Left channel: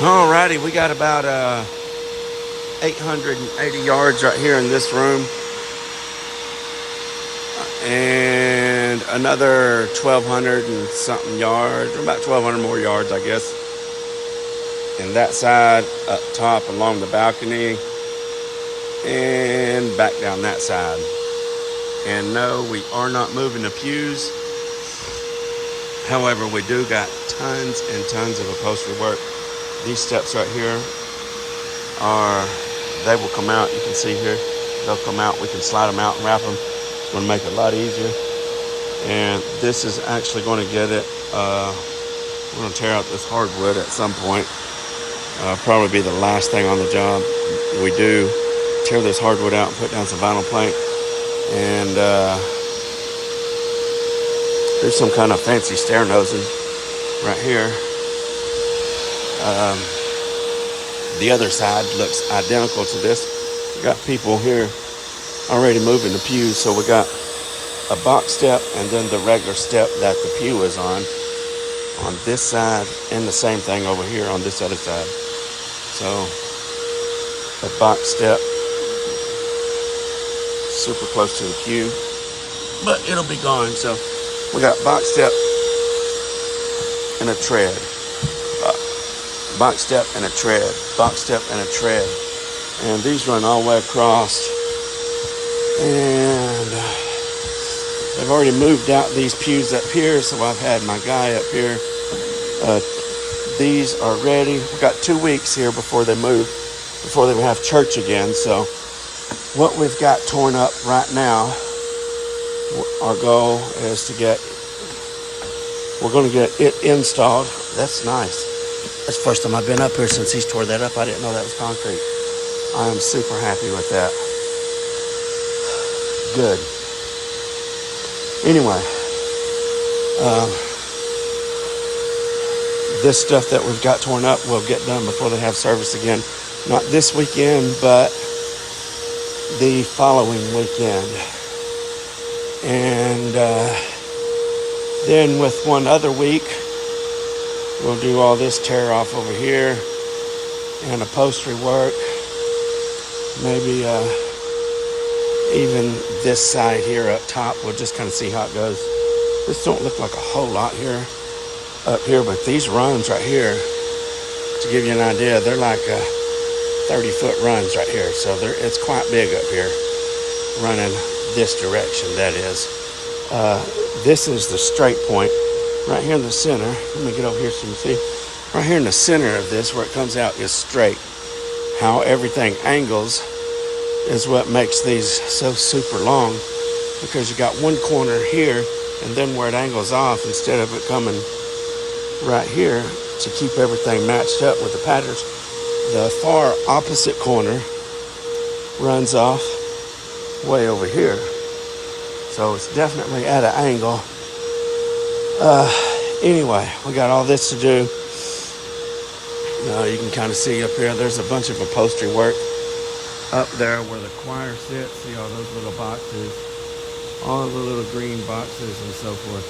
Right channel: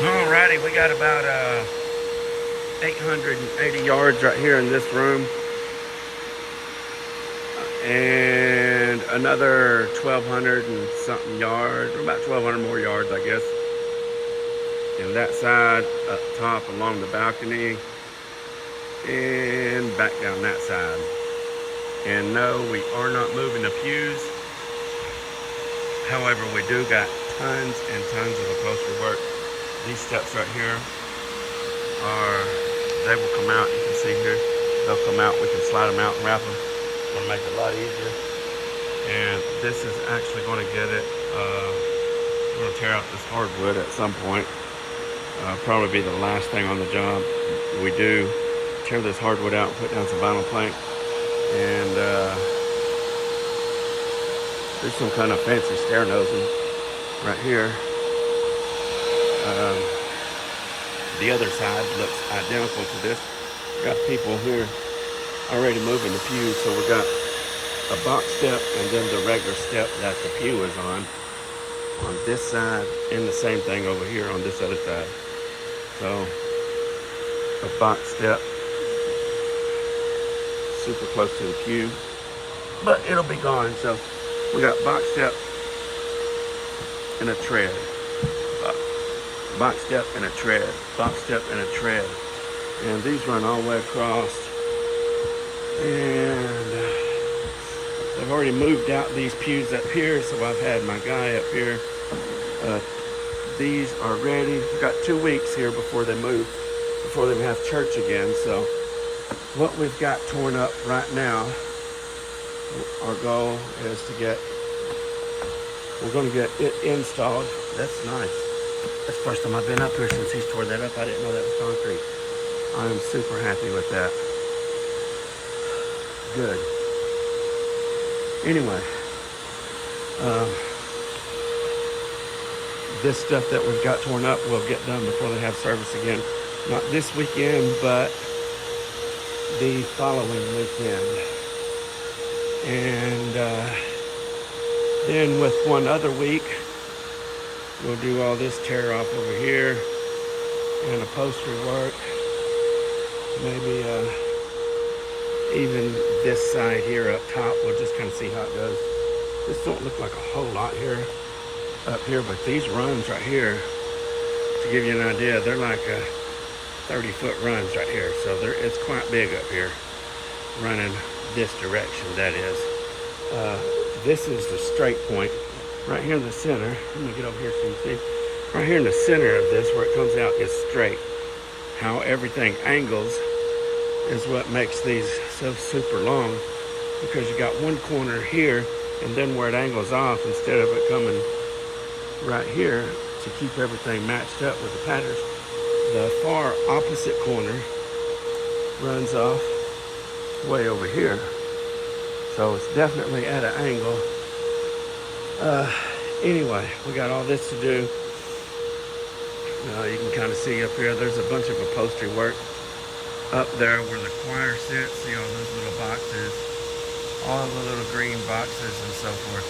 Alrighty, we got about 880 yards right here in this room, and another 1,200 and something yards, or about 1,200 more yards, I guess. And that side up top along the balcony, and back down that side. And no, we are not moving the pews. However, we do got tons and tons of upholstery work. These steps right here they will come out. You can see here, they'll come out. We can slide them out and wrap them. It's going to make it a lot easier. And this is actually going to get it. We're going to tear out this hardwood at some point. Probably be the last thing on the job. We do tear this hardwood out and put down some vinyl plank. And there's some kind of fancy stair nosing right here. The other side looks identical to this. We got people here already moving the pews. So we got a box step and then the regular step that the pew is on this side, and the same thing over here on this other side. So a box step, super close to the pew, but it'll be gone. So we got box step and a tread, box step and a tread, box step and a tread, and these run all the way across. And I've already moved out these pews up here, so I've had my guy up here. These are ready. We've got 2 weeks here before they move, before they have church again. So what we've got torn up right now, our goal is we're going to get it installed. That's nice. That's the first time I've been up here since he's tore that up. I didn't know that was concrete. I am super happy with that. Good. Anyway, this stuff that we've got torn up will get done before they have service again. Not this weekend, but the following weekend. And then with one other week, we'll do all this tear off over here and upholstery work. Maybe even this side here up top. We'll just kind of see how it goes. This don't look like a whole lot here up here, but these runs right here, to give you an idea, they're like 30-foot runs right here. So it's quite big up here, running this direction, that is. This is the straight point right here in the center. Let me get over here so you can see. Right here in the center of this, where it comes out, is straight. How everything angles is what makes these so super long, because you got one corner here, and then where it angles off, instead of it coming right here to keep everything matched up with the patterns, the far opposite corner runs off way over here. So it's definitely at an angle. Anyway, we got all this to do. You can kind of see up here, there's a bunch of upholstery work up there where the choir sits. See all those little boxes, all the little green boxes and so forth.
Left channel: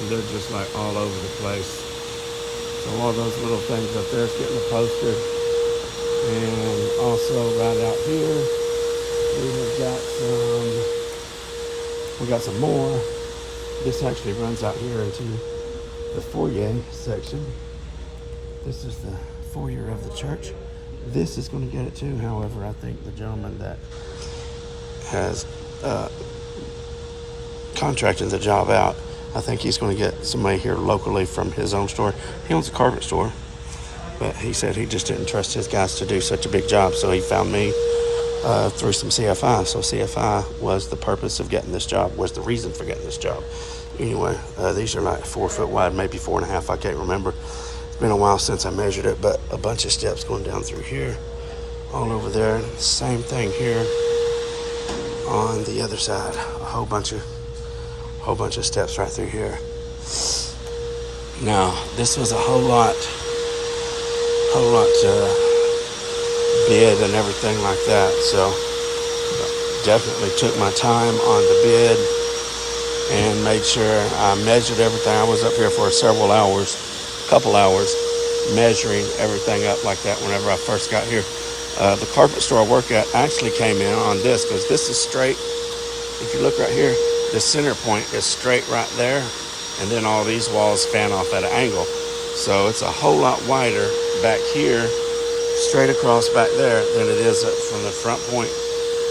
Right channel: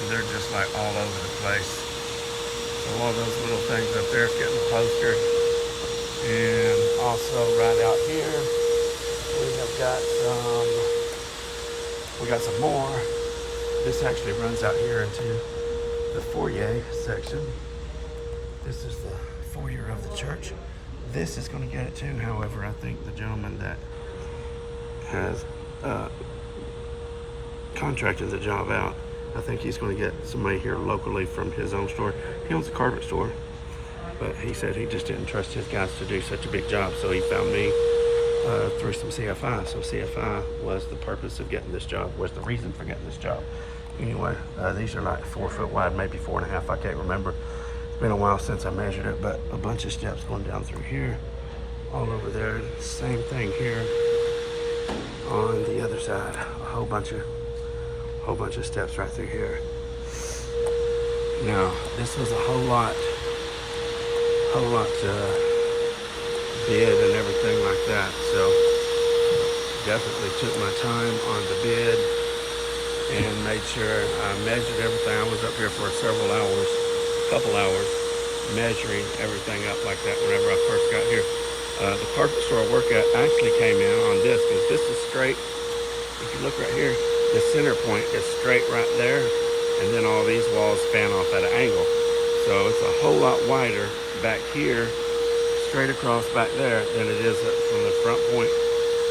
And they're just like all over the place. So all those little things up there is getting upholstered. And also right out here, we got some more. This actually runs out here into the foyer section. This is the foyer of the church. This is going to get it too. However, I think the gentleman that has contracted the job out, I think he's going to get somebody here locally from his own store. He owns a carpet store, but he said he just didn't trust his guys to do such a big job, so he found me through some CFI. So CFI was the purpose of getting this job, was the reason for getting this job. Anyway, these are like 4 foot wide, maybe 4.5. I can't remember. It's been a while since I measured it, but a bunch of steps going down through here, all over there. Same thing here on the other side. A whole bunch of steps right through here. Now, this was a whole lot bid and everything like that. So definitely took my time on the bid and made sure I measured everything. I was up here for couple hours, measuring everything up like that whenever I first got here. The carpet store I work at actually came in on this because this is straight. If you look right here, the center point is straight right there, and then all these walls fan off at an angle. So it's a whole lot wider back here, straight across back there, than it is from the front point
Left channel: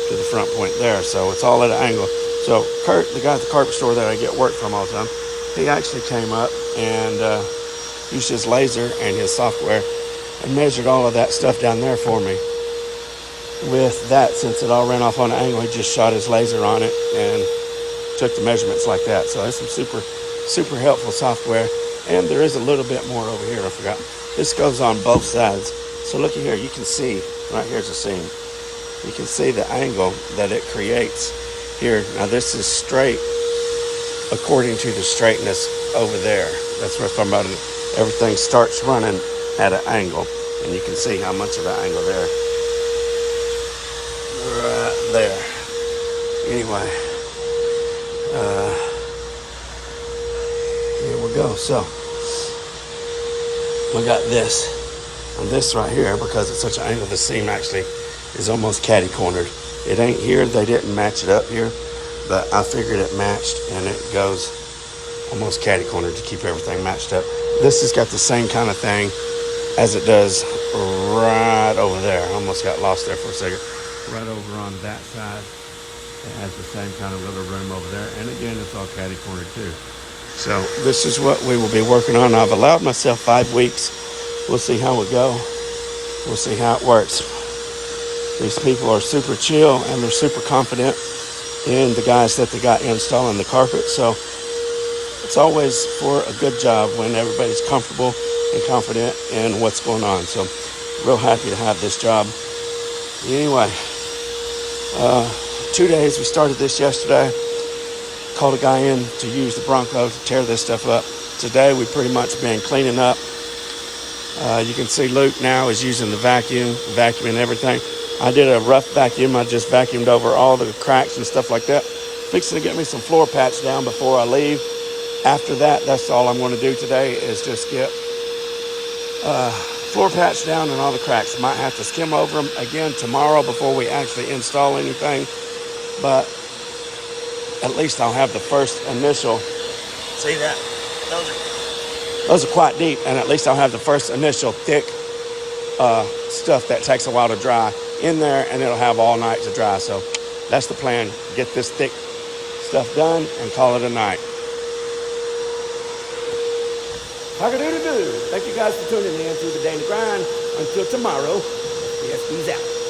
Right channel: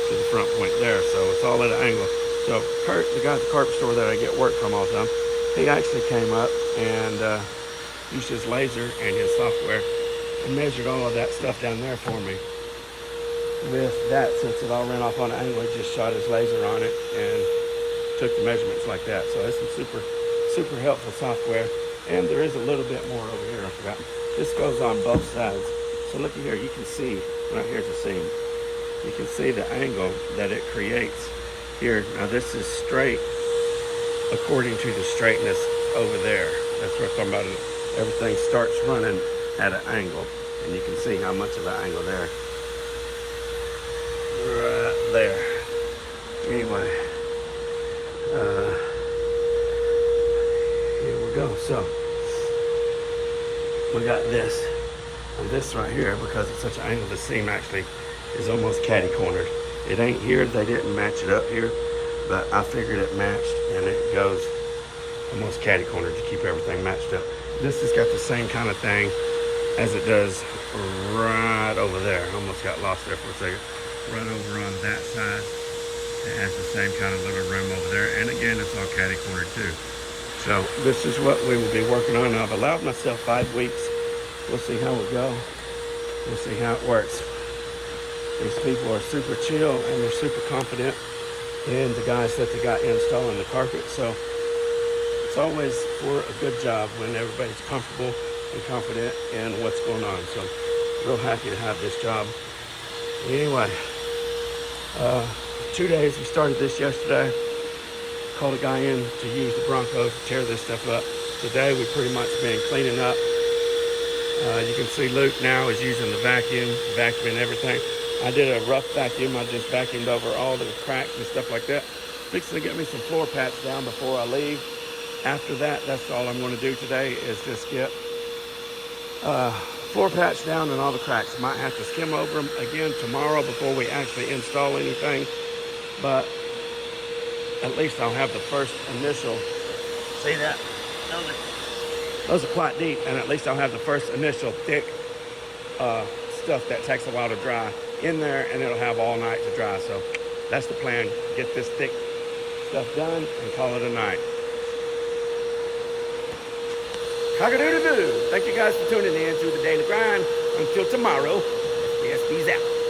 to the front point there. So it's all at an angle. So Kurt, the guy at the carpet store that I get work from all the time, he actually came up and used his laser and his software and measured all of that stuff down there for me. With that, since it all ran off on an angle, he just shot his laser on it and took the measurements like that. So it's some super helpful software. And there is a little bit more over here, I forgot. This goes on both sides. So look here, you can see, right here's a seam. You can see the angle that it creates here. Now this is straight according to the straightness over there. That's what I'm talking about. Everything starts running at an angle. And you can see how much of an angle there. Right there. Anyway, here we go. So we got this. And this right here, because it's such an angle, the seam actually is almost catty-cornered. It ain't here, they didn't match it up here, but I figured it matched, and it goes almost catty-cornered to keep everything matched up. This has got the same kind of thing as it does right over there. I almost got lost there for a second. Right over on that side, it has the same kind of little room over there, and again, it's all catty-cornered too. So this is what we will be working on. I've allowed myself 5 weeks. We'll see how it go. We'll see how it works. These people are super chill and they're super confident in the guys that they got installing the carpet. So it's always for a good job when everybody's comfortable and confident in what's going on. So real happy to have this job. Anyway, 2 days. We started this yesterday. Called a guy in to use the Bronco to tear this stuff up. Today we've pretty much been cleaning up. You can see Luke now is using the vacuuming everything. I did a rough vacuum. I just vacuumed over all the cracks and stuff like that. Fixing to get me some floor patch down before I leave. After that, that's all I'm going to do today is just get floor patch down and all the cracks. Might have to skim over them again tomorrow before we actually install anything. But at least I'll have the first initial. See that? Those are quite deep, and at least I'll have the first initial thick stuff that takes a while to dry in there, and it'll have all night to dry. So that's the plan. Get this thick stuff done and call it a night. Cock-a-doodle-doo. Thank you guys for tuning in to the Daily Grind. Until tomorrow, SBSB's out.